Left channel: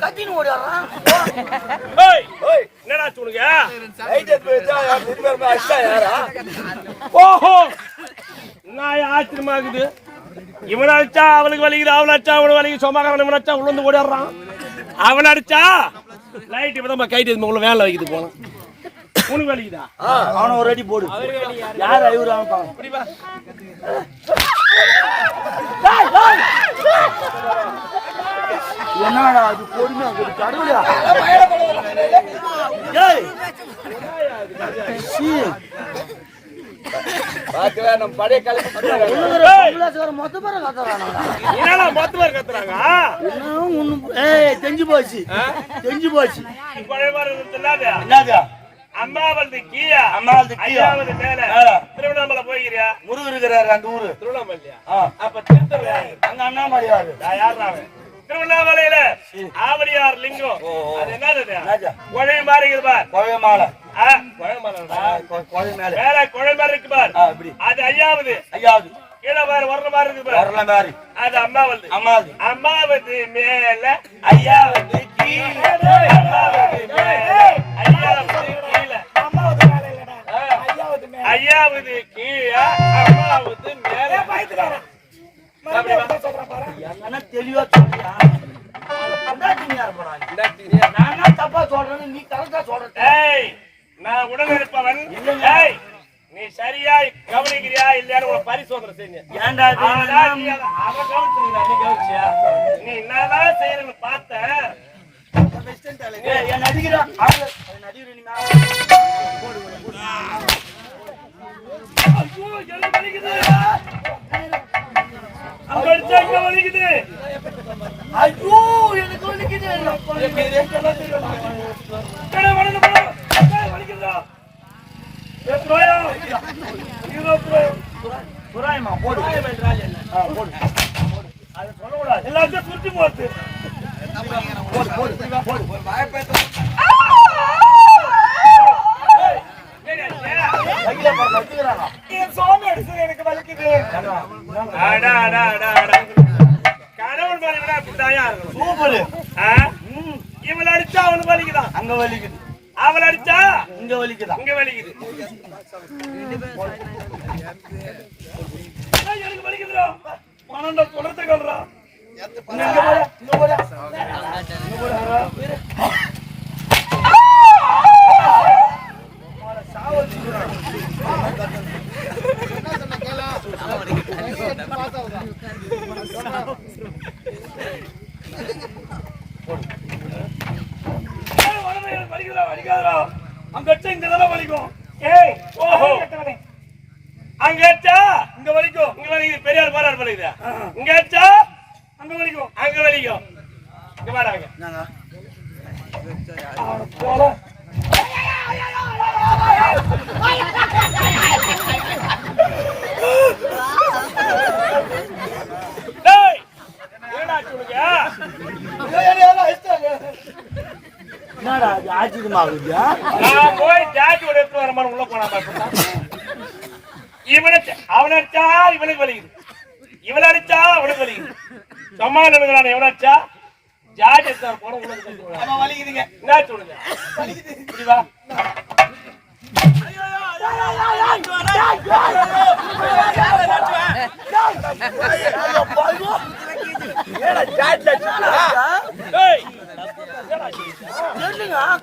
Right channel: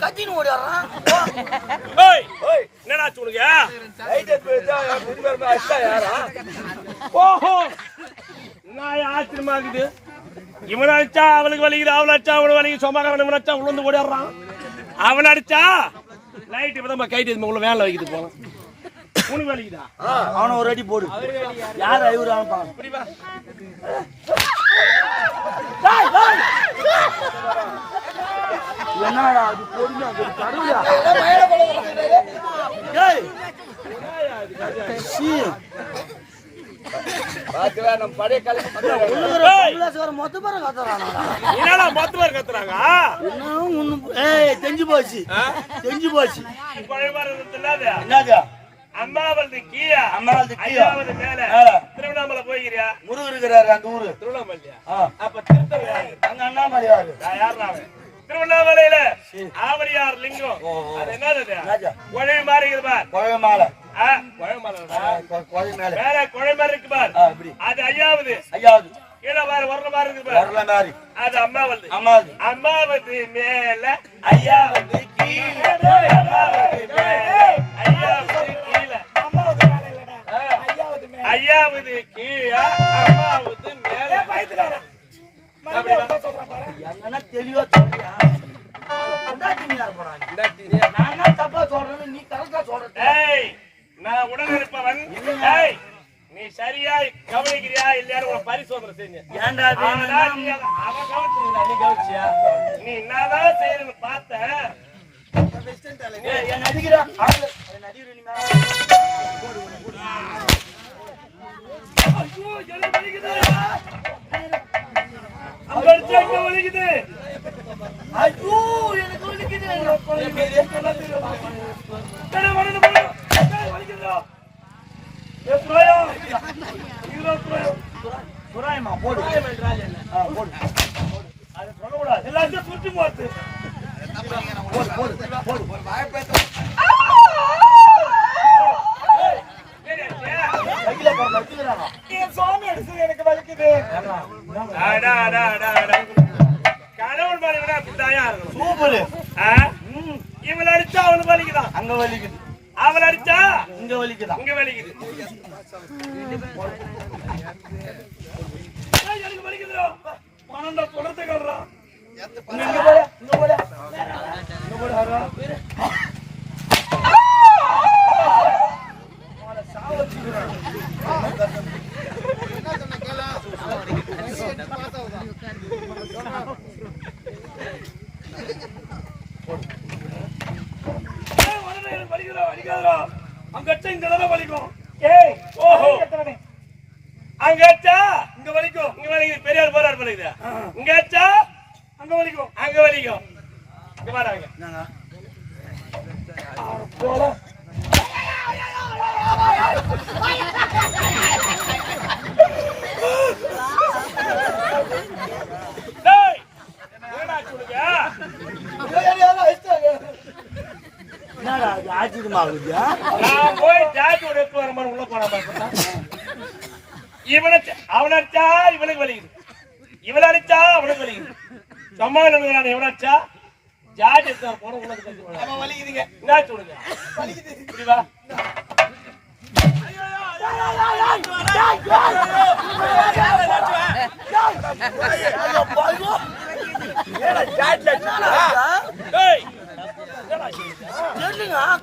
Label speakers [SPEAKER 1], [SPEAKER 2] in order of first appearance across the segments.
[SPEAKER 1] கத்தின்னு ஓடிடுறான்.
[SPEAKER 2] என்னடா சொல்லுங்க ஓஹோ நான் ஆச்சரியமா இருக்குது இவன் அடிச்சா அவளுக்கு வலிக்குது அவன் அடிச்சா அவனுக்கு வலிக்குது சொந்தக்காரன் இவன் அடிச்சா உள்ள ஓடிடுறான். அவன் அடிச்சா? லைட் இப்பதான் கைட்டு உள்ள வேலை வைக்குது போனோம் உனக்கு வலிக்குதா
[SPEAKER 1] அவனை ஒரு அடி போடு. யார் ஐவர் அவன் என்னடா அது பொறுமையா ஒரு கடவுளா? தெரிஞ்சு போச்சு. தெரிஞ்சு போச்சு. என்னது?
[SPEAKER 2] அம்மாவது கீழே.
[SPEAKER 1] அம்மாவது.
[SPEAKER 2] ஐயாவது மேல.
[SPEAKER 1] மேல.
[SPEAKER 2] திருவண்ணாமலை போய்கிறியா
[SPEAKER 1] முருகர் இருக்கிறாரு அந்த ஊரு.
[SPEAKER 2] திருவண்ணாமலையா. அப்ப திருத்தல
[SPEAKER 1] அங்க அண்ணாமலை யாரு?
[SPEAKER 2] நான் யார்றா அவன்? திருவண்ணாமலையில ஆவடியார் லிங்கம். அது என்னது? குழை மாதிரி பார். குழை
[SPEAKER 1] மேல.
[SPEAKER 2] மேல குழை மாதிரி இருக்கு பார். அது ஐயாவது.
[SPEAKER 1] ஐயாவது.
[SPEAKER 2] கீழே பாரு வர்ற மாதிரி இருக்கு பார்.
[SPEAKER 1] வரல மாதிரி.
[SPEAKER 2] அது அம்மாவது
[SPEAKER 1] அம்மாவது
[SPEAKER 2] அம்மாவது மேல
[SPEAKER 1] ஐயாவது கீழே.
[SPEAKER 2] ஐயாவது கீழே அம்மாவது மேல.
[SPEAKER 1] எங்கன்னா தெளிவா சொல்றியா? நானா தப்பா சொல்றேன்னு நீ கரெக்டா சொல்ற
[SPEAKER 2] ஏய் நான் உடனிருப்பவன்
[SPEAKER 1] இல்லைங்க.
[SPEAKER 2] ஏய் நீ சரியா கவனிக்கிறியா இல்லையான்னு ஒரு பரிசோதனை செஞ்சேன்
[SPEAKER 1] ஏன்டா
[SPEAKER 2] நீ அத- கவனிச்சிருந்தா, நீ கவனிச்சியா? நீ என்னதான் செய்யறன்னு பார்த்த.
[SPEAKER 1] ஏய், என் நடிக்கிறேன் அவங்க என் நடிக்கிறேன் நீ
[SPEAKER 2] எல்லாத்தையும் புரிஞ்சு போட்டு
[SPEAKER 1] போடு போடு போடு. கையில பாரு வச்சுக்கிறானா
[SPEAKER 2] அடா, அடா, அடா, அடா. கணவன் மனைவினா இப்படித்தான்யா இருக்கணும்.
[SPEAKER 1] சூப்பரு?
[SPEAKER 2] இவள அடிச்சா அவனுக்கு வலிக்குதான்
[SPEAKER 1] அங்க வலிக்குது.
[SPEAKER 2] அவள் அடிச்சா?
[SPEAKER 1] இங்க வலிக்குதா?
[SPEAKER 2] இங்க வலிக்குது. ஏய், எனக்கு வலிக்குதுடா. பன்னெண்டா குளத்தை கல்றா
[SPEAKER 1] இங்க போட இங்க போட. இங்க போட வரா
[SPEAKER 2] ஏய், வலது எனக்கு வலிக்குதுடா வலிக்காதுடா அடிச்சா இங்க தானே வலிக்கும். ஏய் ஓஹோ. அங்க அடிச்சா இங்க வலிக்கும். இங்க வலிக்குது பெரிய ஆள் போறாரு வலிக்குது இங்க அடிச்சா அங்க வலிக்கும். அங்க வலிக்கும். இங்க
[SPEAKER 1] என்னங்க
[SPEAKER 2] போல டேய் என்னடா சொல்லுங்க
[SPEAKER 1] என்னடா அது ஆச்சரியமா இருக்குதா
[SPEAKER 2] நான் போய் ஜாக்கெட் எடுத்து வர மாதிரி உள்ள போனா பாத்தா இவனை அவனை அடிச்சா இவனுக்கு வலிக்குது. இவனை அடிச்சா அவனுக்கு வலிக்குது. சும்மா நினைக்கிறான் எவனை அடிச்சா ஜாக்கெட் எடுத்து வர போன உள்ள வலிக்குதுங்க. என்ன சொல்லுங்க இப்படி வா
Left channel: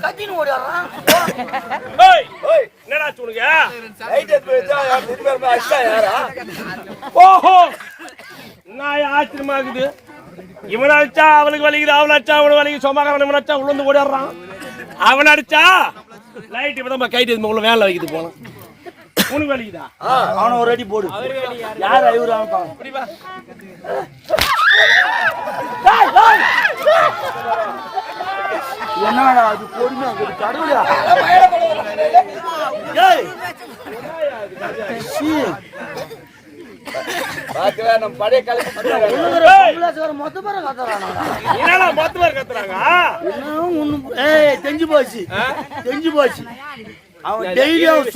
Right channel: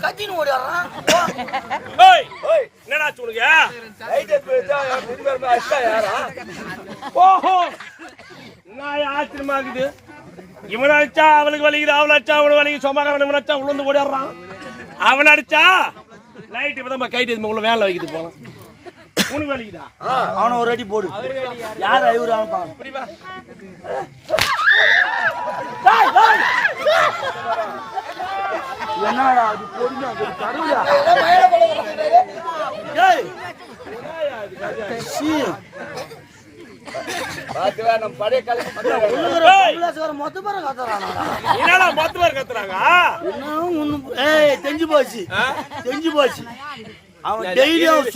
[SPEAKER 1] கத்தின்னு ஓடிடுறான்
[SPEAKER 2] என்னடா சொல்லுங்க ஓஹோ! நான் ஆச்சரியமா இருக்குது? இவன் அடிச்சா அவளுக்கு வலிக்குது அவன் அடிச்சா அவனுக்கு வலிக்குது சொந்தக்காரன் இவன் அடிச்சா உள்ள ஓடிடுறான் அவன் அடிச்சா லைட் இப்பதான் கைட்டு உள்ள வேலை வைக்குது போனோம் உனக்கு வலிக்குதா?
[SPEAKER 1] அவனை ஒரு அடி போடு. யார் ஐவர் அவன் பாவம்? என்னடா அது பொறுமையா ஒரு கடவுளா?
[SPEAKER 3] நம்ம பழைய
[SPEAKER 1] தெரிஞ்சு போச்சு. தெரிஞ்சு போச்சு. அவன் டெய்லி அவன்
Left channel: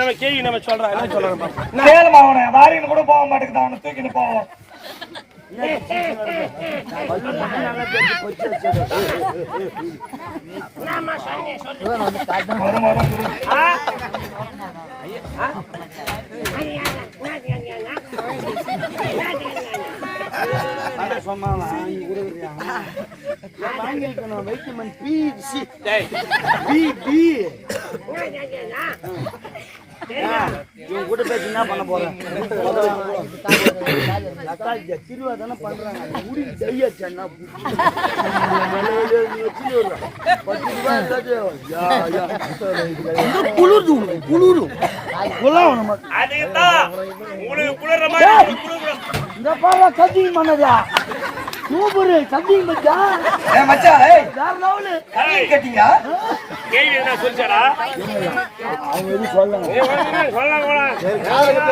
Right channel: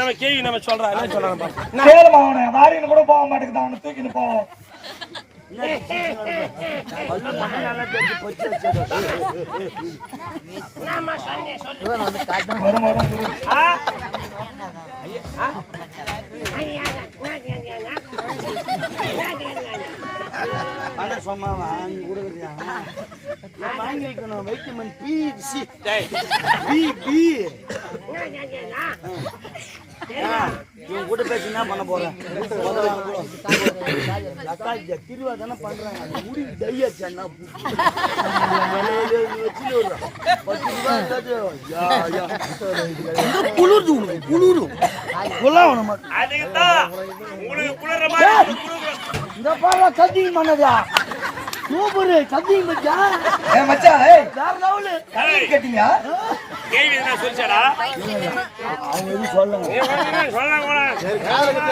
[SPEAKER 2] நம்ம கேள்வி நம்ம
[SPEAKER 4] அவனை. வாரின்னு கூட போக மாட்டேங்குது அவனை தூக்கிட்டு போவோம்
[SPEAKER 1] அந்த சொன்னான் வாங்கி கொடுக்குறியா வாங்கி வைட்டமின் பி சி
[SPEAKER 2] டேய்,
[SPEAKER 1] பி பி இவன் கூட பேசி என்ன பண்ண போறேன்? திருவா தானே பண்றாங்க. முடி டையாச்சு என்ன பத்து ரூபாய் இருந்தாது யா யா குளிர்து குளிரும்
[SPEAKER 2] அதுக்குதான் உங்களுக்கு குளிர்ற மாதிரி உங்களுக்கு குளிர்
[SPEAKER 1] இந்த பாரு பண்ணதா சூப்பரு சத்தியம் பச்சா
[SPEAKER 4] ஏ மச்சான் ஏய்.
[SPEAKER 1] வேற லெவலு.
[SPEAKER 2] ஏய்,
[SPEAKER 4] கேட்டீங்க?
[SPEAKER 2] கேள்வி என்ன சொல்லிச்சாரா
[SPEAKER 1] அவங்க எதுவும் சொல்லலாம்
[SPEAKER 2] ஏய், வந்து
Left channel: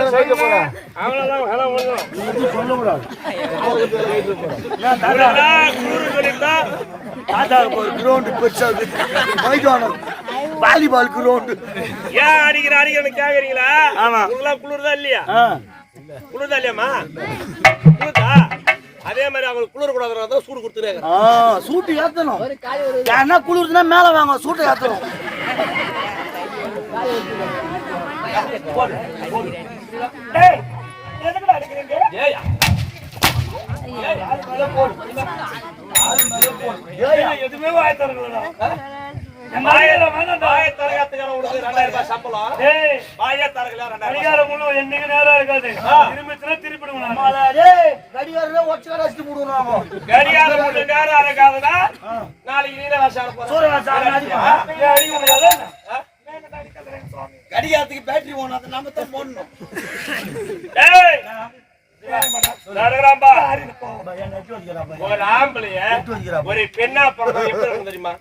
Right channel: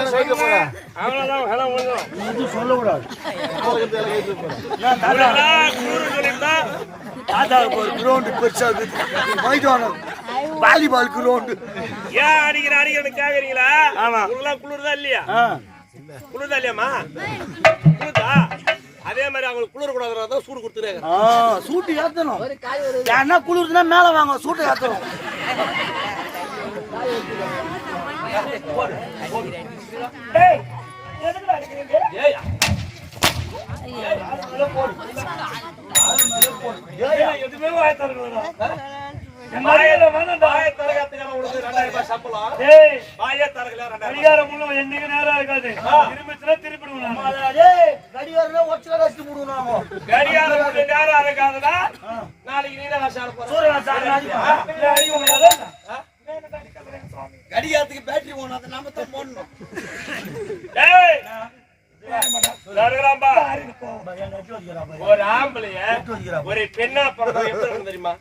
[SPEAKER 2] சொல்லலாம் போலாம். அவ்வளவுதான் ஹலோ முடிஞ்சிடும்
[SPEAKER 1] சொல்லக்கூடாது.
[SPEAKER 2] அவ்வளவுதான் குளிர் சொல்லிட்டா
[SPEAKER 1] ஆதார் ஒரு கிரவுண்டு பெருசாது. மைதானம். வாலிபால் கிரவுண்டு
[SPEAKER 2] ஏன் அடிக்கிற அடிக்கிறன்னு கேக்குறீங்களா?
[SPEAKER 1] ஆமா.
[SPEAKER 2] உங்களுக்குலாம் குளிர்தா இல்லையா?
[SPEAKER 1] ஆ.
[SPEAKER 2] குளிர்தா இல்லையாம்மா? குளிர்தா அதே மாதிரி அவங்களுக்கு குளிர் கூடாதுனா தான் சூடு கொடுத்துருக்காங்க
[SPEAKER 1] சூட்டு ஏத்தணும். யாருன்னா குளிர்துன்னா மேல வாங்க சூட்டை ஏத்தணும்.
[SPEAKER 4] டேய் எதுக்குடா அடிக்கிறீங்க?
[SPEAKER 2] ஏயா
[SPEAKER 4] எதுவுமே வாய
[SPEAKER 1] கடிகாரத்துக்கு பேட்டரி ஓணும் அதை நாம. தான் போடணும்.
[SPEAKER 2] ஒரு ஆம்பளைய பெண்ணா பிறந்தது எப்படி இருக்கும் தெரியுமா?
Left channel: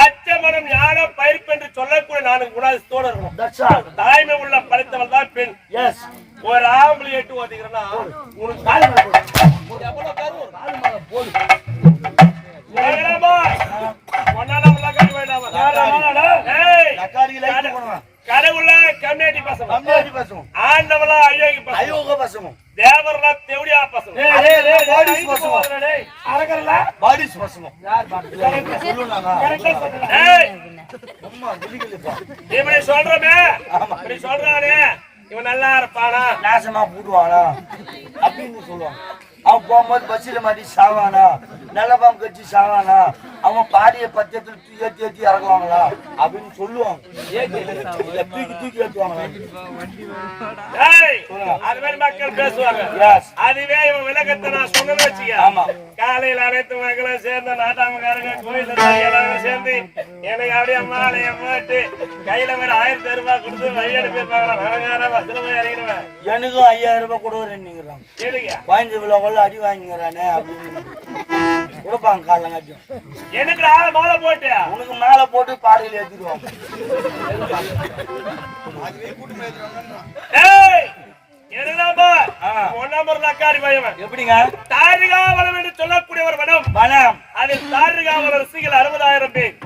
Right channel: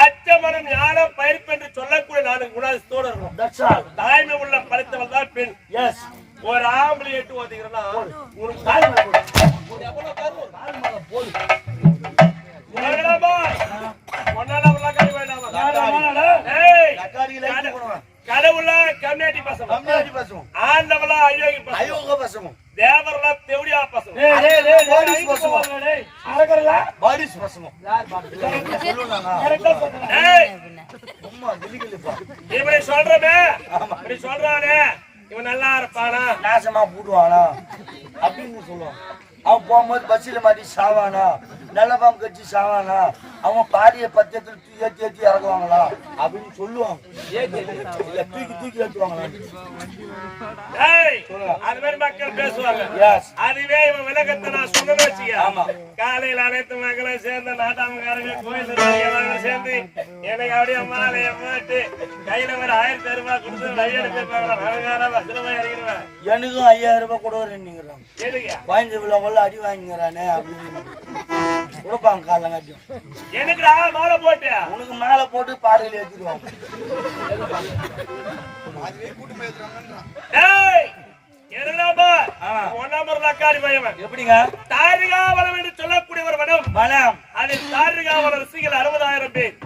[SPEAKER 2] அச்சமரம் ஞான பயிர்ப்பு என்று சொல்லக்கூடிய நான்கு குணாதிசத்தோடு இருக்கணும் தாய்மை உள்ள படித்தவள் தான் பெண். ஒரு ஆம்பளை எட்டு ஓதிக்கிறேன்னா உனக்கு இருப்பானா?
[SPEAKER 1] நாசமா போடுவானா அப்படின்னு சொல்லுவாங்க. அவன் போகும்போது பஸ்ஸில் மாட்டி சாவானா? நல்ல பாம்பு கட்சி சாவானா? அவன் பாடிய பட்சத்தில் தூக்கி ஏற்றி ஏற்றி இறக்குவாங்களா? அப்படின்னு சொல்லுவாங்க. தூக்கி தூக்கி ஏற்றுவாங்களா
[SPEAKER 2] அது மாதிரி மக்கள் பேசுவாங்க. அதுவே இவன் விளக்கத்தை நான் சொன்னேன்னு வச்சுக்க. காலையில அனைத்து மக்களும் சேர்ந்து நாட்டாமக்காரங்க கோயில் எல்லாரும் சேர்ந்து எனக்கு அப்படியே மாலைய போட்டு கையில ஒரு ஆயிரத்தி ரூபாய் கொடுத்து வழி அனுப்பியிருப்பாங்களா விவகாரம் பஸ்ல போய் இறங்கிடுவேன்.
[SPEAKER 1] எனக்கும் ஐயாயிரம் ரூபாய் கொடுக்குறேன்னுங்கிறாங்க
[SPEAKER 2] எதுக்கு?
[SPEAKER 1] பதினஞ்சு விழா கொள்ள அடி வாங்கிக்கிறானே அப்படின்னு. கொடுப்பாங்க காலங்காட்டியும்
[SPEAKER 2] எனக்குடா மாலை போட்டு.
[SPEAKER 1] உனக்கு மேல போட்டு பாடையில் ஏற்றிடுவாங்க
[SPEAKER 2] ஏய்! என்னடாப்பா?
[SPEAKER 1] ஆ.
[SPEAKER 2] ஒன்னாம் ஒரு நக்காரி பயவன்.
[SPEAKER 1] எப்படிங்க?
[SPEAKER 2] தாரிகாவலம் என்று சொல்லக்கூடிய ஒரு வனம்
[SPEAKER 1] மனம்.
[SPEAKER 2] அதில் ரசிகள் அறுபதாயிரம் பேர்.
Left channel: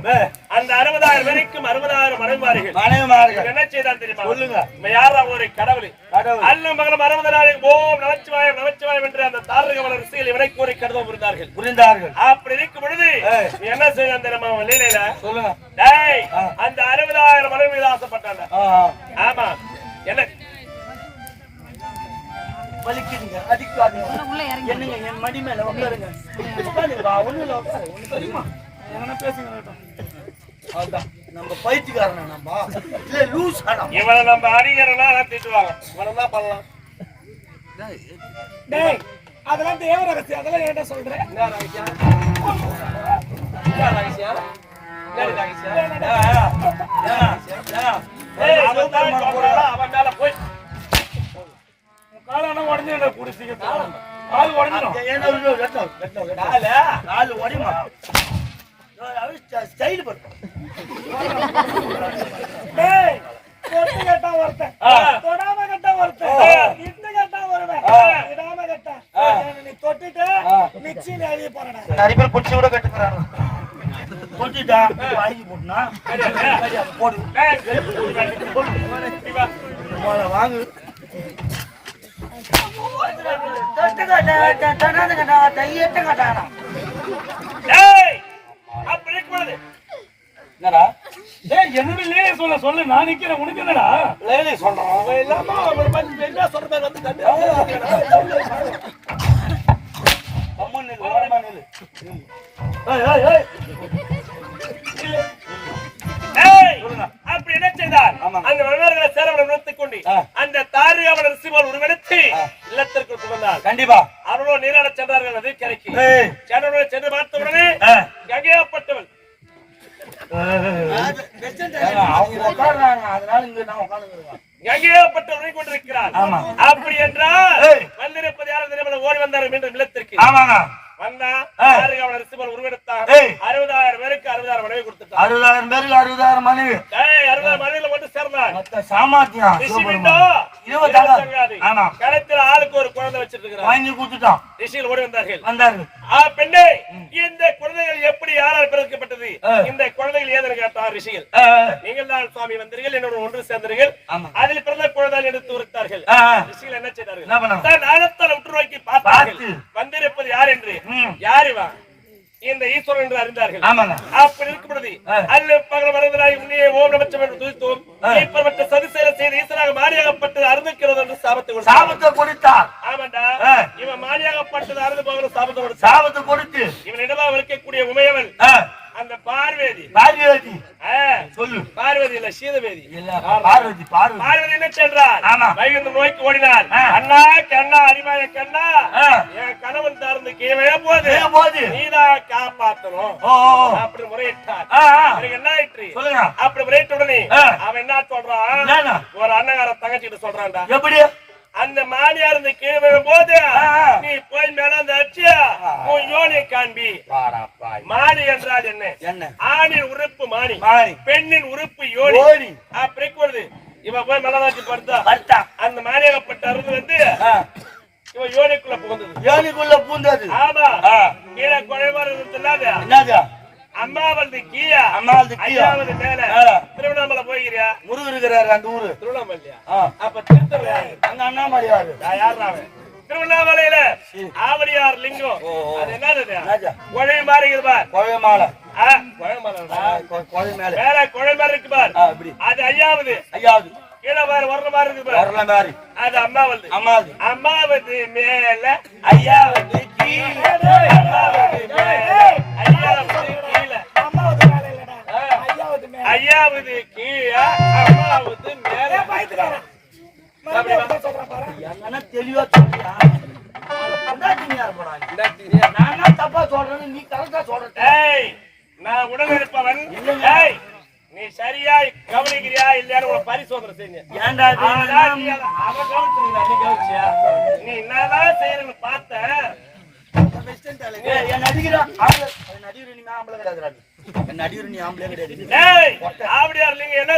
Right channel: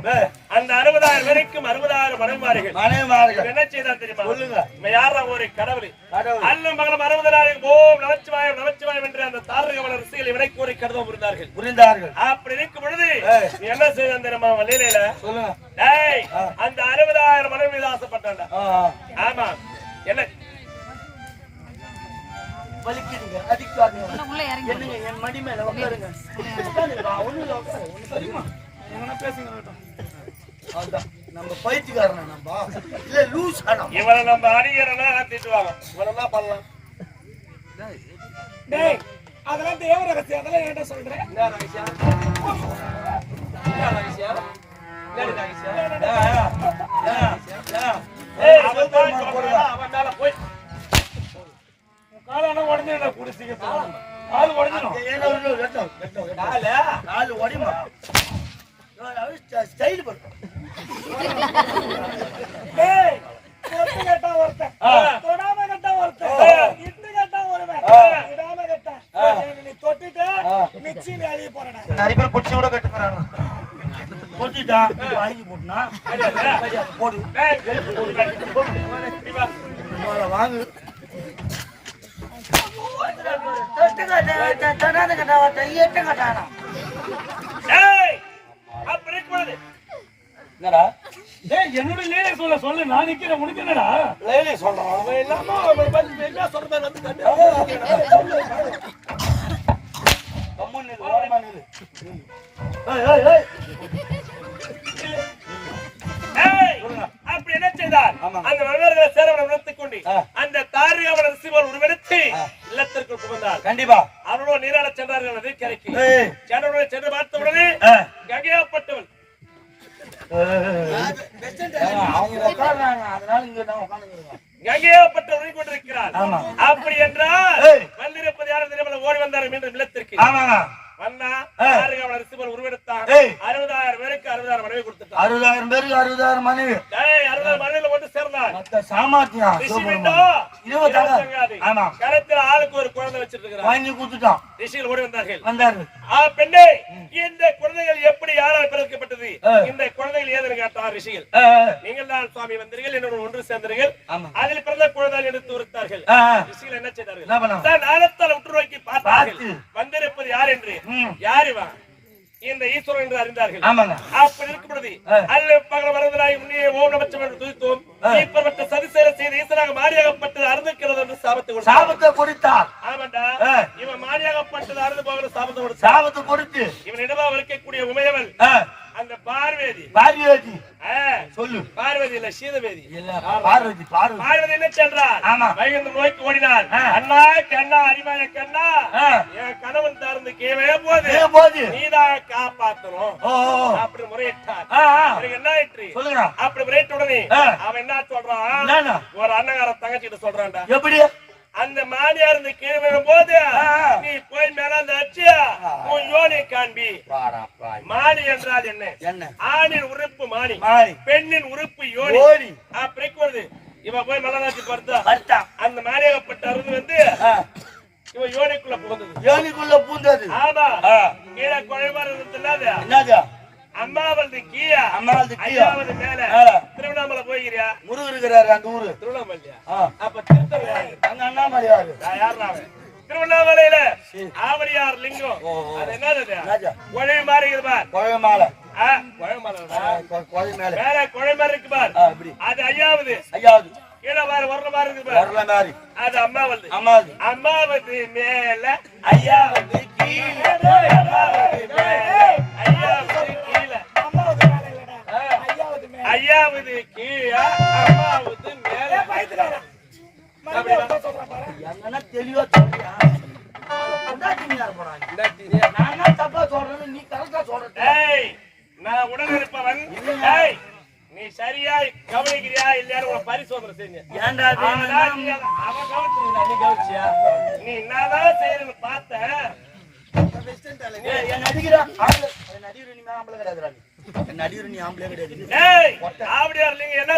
[SPEAKER 2] அந்த அறுபதாயிரம் பேருக்கும் அறுபதாயிரம்
[SPEAKER 1] மனைவிமார்கள்.
[SPEAKER 2] என்ன செய்தான் தெரியுமா?
[SPEAKER 1] சொல்லுங்க.
[SPEAKER 2] யாரா? ஒரு கடவுள்.
[SPEAKER 1] கடவுள்.
[SPEAKER 2] அல்ல மகளம் அறுபதாயிரம். ஓம் நமச்சிவாயம் நமச்சிவாயம் என்று அந்த தாரகவல ரசிகள் இவனை கூறி கருதம் புரிந்தார்கள்.
[SPEAKER 1] புரிந்தார்கள்.
[SPEAKER 2] அப்படி இருக்கும் பொழுது என்ன செய்ய தெரியுமா? அவன் லீலையில
[SPEAKER 1] சொல்லுங்க.
[SPEAKER 2] டேய்
[SPEAKER 1] ஆ.
[SPEAKER 2] அந்த அறுபதாயிரம் மனைவி மீது ஆசைப்பட்டான்டா.
[SPEAKER 1] ஆ, ஆ.
[SPEAKER 2] ஆமா. என்ன?
[SPEAKER 1] வலிக்குதுங்க அடிக்காதீங்க. என்னங்க என் மடி மேல உட்காருங்க வா ஒண்ணு இல்ல உட்காரு ஒண்ணு தெரியுமா?
[SPEAKER 4] எங்கன்னா பேசுங்க
[SPEAKER 1] அதுதான் நம்ம பைத்தியக்காரனா நம்ம? இல்ல லூஸ் ஆடம்
[SPEAKER 2] இவனை நம்ம அடிக்கிறனா திட்டுவாங்க என்ன பண்ணலாம்.
[SPEAKER 4] டேய் அதெல்லாம் தேவ ரகசியம் அதெல்லாம் ஏன்டா சொல்றேன்
[SPEAKER 2] என்ன ரகசியம்? என்ன ரகசியம்? என்ன ரகசியம்? சொல்றான், அவன் மேல போய்
[SPEAKER 4] உடனே உடனே என்ன குடிச்சிங்க கால் உடஞ்சிடும்
[SPEAKER 2] கால்
[SPEAKER 1] உடையுமா ஸ்டைல்
[SPEAKER 4] தொடாம கேட்டா ஒருத்தன். இட்டு கேட்டா ஒருவன். இடாம கேட்டா. நீ
[SPEAKER 1] தொட்டுட்டு மிக்சி நிறைய போறடா.
[SPEAKER 2] பேர் குடிச்சு கூட
[SPEAKER 1] கட்டுக்கிறானு கொட்டிட்டா? வாங்கி
[SPEAKER 2] போட்டுனா? போடு. வாங்கு.
[SPEAKER 1] என்னடா?
[SPEAKER 4] என்னோட லேலே சொல்ல சொல்லு நான் நிக்கிறேன் உனக்கு என்னடா?
[SPEAKER 1] லைலி சொல்றான்
[SPEAKER 2] அவன் இல்லாம அவனை பத்தி என்ன சொல்ற வந்து அப்படி என்ன செய்தார். அந்த உருவெடுத்து இல்லத்திற்குள் புகுந்தார்
[SPEAKER 1] கண்டிப்பா.
[SPEAKER 2] அவர்களோ நீராட சென்றார்கள் அது கரைக்கு. சென்றவர்களை சென்று பார்த்த உடனே
[SPEAKER 1] ஆமா.
[SPEAKER 2] அப்படி என்றால். வந்திருப்பது யாரும் ஓடி வந்தார் மீண்டும் இல்லத்திற்கு.
[SPEAKER 1] ஆமாங்க.
[SPEAKER 2] வந்தா அவன். அறுபதாயிரம் பேருக்கு அறுபதாயிரம் மனைவி கொடுத்துட்டார்
[SPEAKER 1] அறுபதாயிரம் பேருக்கு மனைவி.
[SPEAKER 2] ஒன்று ஆளுக்கு ஒரு குழந்தை வச்சிட்டு
[SPEAKER 1] வாங்கி கொடுத்துட்டான்
[SPEAKER 2] ரிஷிகள் ஓடி வந்தார்கள்.
[SPEAKER 1] வந்தாரு
[SPEAKER 2] ஆ பெண்ணே இந்த குழந்தைகள் எப்படி யாரால் பிறக்கப்பட்டது. இந்த குழந்தைகள் ஏதென்னு கேட்டார் ரிஷிகள். நீங்கள் தான் சுவாமி வந்தீர்கள் என்னோட ஒன்று சேர்ந்தீர்கள். அதில் பிறந்த குழந்தைகள் எடுத்து உரைத்தார்கள். ரிஷிகள் என்ன செய்தார்கள்? தான் ஆனத்தால் உற்று நோக்கி பார்த்தார்கள். வந்திருப்பது யார் என்று. யார் இவன்? இந்த ஈஸ்வரன் என்று அறிந்தார்கள். அப்படி இருக்கும் பொழுது. அல்ல பகல வரதனாய் முன்னே ஓம் நமச்சம் என்று துதித்தோம்.
[SPEAKER 1] ஆ.
[SPEAKER 2] இப்ப சதிசெயலை செய்து ஈஸ்வராக மாறியாகப்பட்டது அருந்துக்கிறது என்று சாபத்தை
[SPEAKER 1] சாபத்தை கொடுத்தார்.
[SPEAKER 2] ஆமாண்டா. இவன் மாறியாகப்பட்டது அறுந்து போகிற சாபத்தை
[SPEAKER 1] சாபத்தை கொடுத்து.
[SPEAKER 2] இவன் இடமாக இருக்கக்கூடிய உமையவள்.
[SPEAKER 1] ஆ,
[SPEAKER 2] அந்த பார்வேதி
[SPEAKER 1] பார்வதி சொல்லு
[SPEAKER 2] பார்வதி இல்ல சீதவேதி
[SPEAKER 1] பார்வதி பார்வதி
[SPEAKER 2] பார்வதி என்ன சென்றார். வைகுந்த நோய்க்கு ஓடினாள்
[SPEAKER 1] ஆ.
[SPEAKER 2] அண்ணா கண்ணா அறிவாய கண்ணா. என் கணவன் தார்ந்து கீழே போது
[SPEAKER 1] கீழே போகுது.
[SPEAKER 2] நீதான் காப்பாத்தணும். அப்படி முறையிட்டார். பிறகு என்ன ஆயிற்று
[SPEAKER 1] சொல்லுங்க
[SPEAKER 2] அப்படி முறையிட்ட உடனே. அவன் என்ன சொல்றான்? ஒரு அண்ணகார தங்கச்சிட்டு சொல்றான்டா
[SPEAKER 1] எப்படி
[SPEAKER 2] அந்த மானியார் இருந்து கீழே விழும்போது. நீ போய் மேல அந்த அச்சியா? உன் யோனி காண்பி. மானி என்றால் என்ன?
[SPEAKER 1] என்ன?
[SPEAKER 2] ஆணின் உறுப்பு மானி.
[SPEAKER 1] மாணி
[SPEAKER 2] பெண்ணின் உறுப்பு யோனி. அப்படி வருது. இவ போய் பார்த்தா
[SPEAKER 1] பர்த்தா
[SPEAKER 2] அந்த மானியாகப்பட்ட அருந்து வந்து
[SPEAKER 1] ஆ,
[SPEAKER 2] இவ யோனிக்குள்ள புகுந்தது.
[SPEAKER 1] யோனிக்குள்ள பூந்தது
[SPEAKER 2] ஆமா. கீழே குறைவா இருந்தது
[SPEAKER 1] என்னது?
[SPEAKER 2] அம்மா வந்து கீயா
[SPEAKER 1] அம்மா வந்து கீழே.
[SPEAKER 2] ஐயாவது மேல.
[SPEAKER 1] மேல.
[SPEAKER 2] திருவண்ணாமலை போய்கிறியா
[SPEAKER 1] முருகர் இருக்கிறாரு அந்த ஊரு.
[SPEAKER 2] திருவண்ணாமலையா. அப்ப திருத்தல
[SPEAKER 1] அங்க அண்ணாமலையாரு
[SPEAKER 2] யார் அவன்? திருவண்ணாமலையில ஆவடியார் லிங்கம். அது என்னது குழை மாதிரி இருக்குது பார். குழை
[SPEAKER 1] மேல.
[SPEAKER 2] மேல குழை மாதிரி இருக்கு பார். அது ஐயாவது.
[SPEAKER 1] ஐயாவது.
[SPEAKER 2] கீழே பாரு வர்ற மாதிரி இருக்கு பார்.
[SPEAKER 1] வரல மாதிரி.
[SPEAKER 2] அது அம்மாவது
[SPEAKER 1] அம்மாவது
[SPEAKER 2] அம்மாவது மேல.
[SPEAKER 1] ஐயாவது கீழே.
[SPEAKER 2] அம்மாவது மேல. ஐயாவது
[SPEAKER 4] ஐயாவது
[SPEAKER 2] கீழே அம்மாவது மேல.
[SPEAKER 4] பயத்துக்காரன் சொல்றேன்
[SPEAKER 1] தெளிவா சொல்றியா? நான் தான் தப்பா சொல்றேன்னு நீ கரெக்டா சொல்ற
[SPEAKER 2] நான் உடன் இருப்பவன். ஏய் நீ சரியா கவனிக்கிறியா இல்லையான்னு உன பரிசோதனை செஞ்சேன்
[SPEAKER 1] ஏன்டா
[SPEAKER 2] அவன் கவனிச்சிருந்தா, நீ கவனிச்சியா? நீ என்னதான் செய்யறன்னு பார்த்த.
[SPEAKER 1] என் நடிகரா? நீ ஆம்பளை என் நடிகர் நீ ஆம்பளே கிடையாது.
[SPEAKER 2] ஏய் ஆம்பளையா என்ன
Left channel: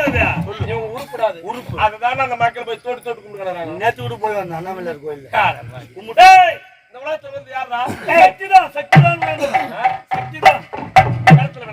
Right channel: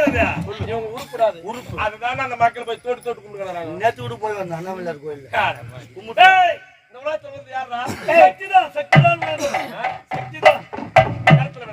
[SPEAKER 2] இவங்க உருப்படாது.
[SPEAKER 1] உருப்பு.
[SPEAKER 2] அதுதான் அந்த மக்கள் போய் தோட்டு தோட்டு கும்பிடுறாங்க
[SPEAKER 1] நேத்து கூட போய் வந்தோம் கோயில்
[SPEAKER 2] கும்பிட்டு. இந்த உலகத்துல வந்து யாரா
[SPEAKER 4] சக்திதான் சக்திதான் சக்திதான். கிணத்துல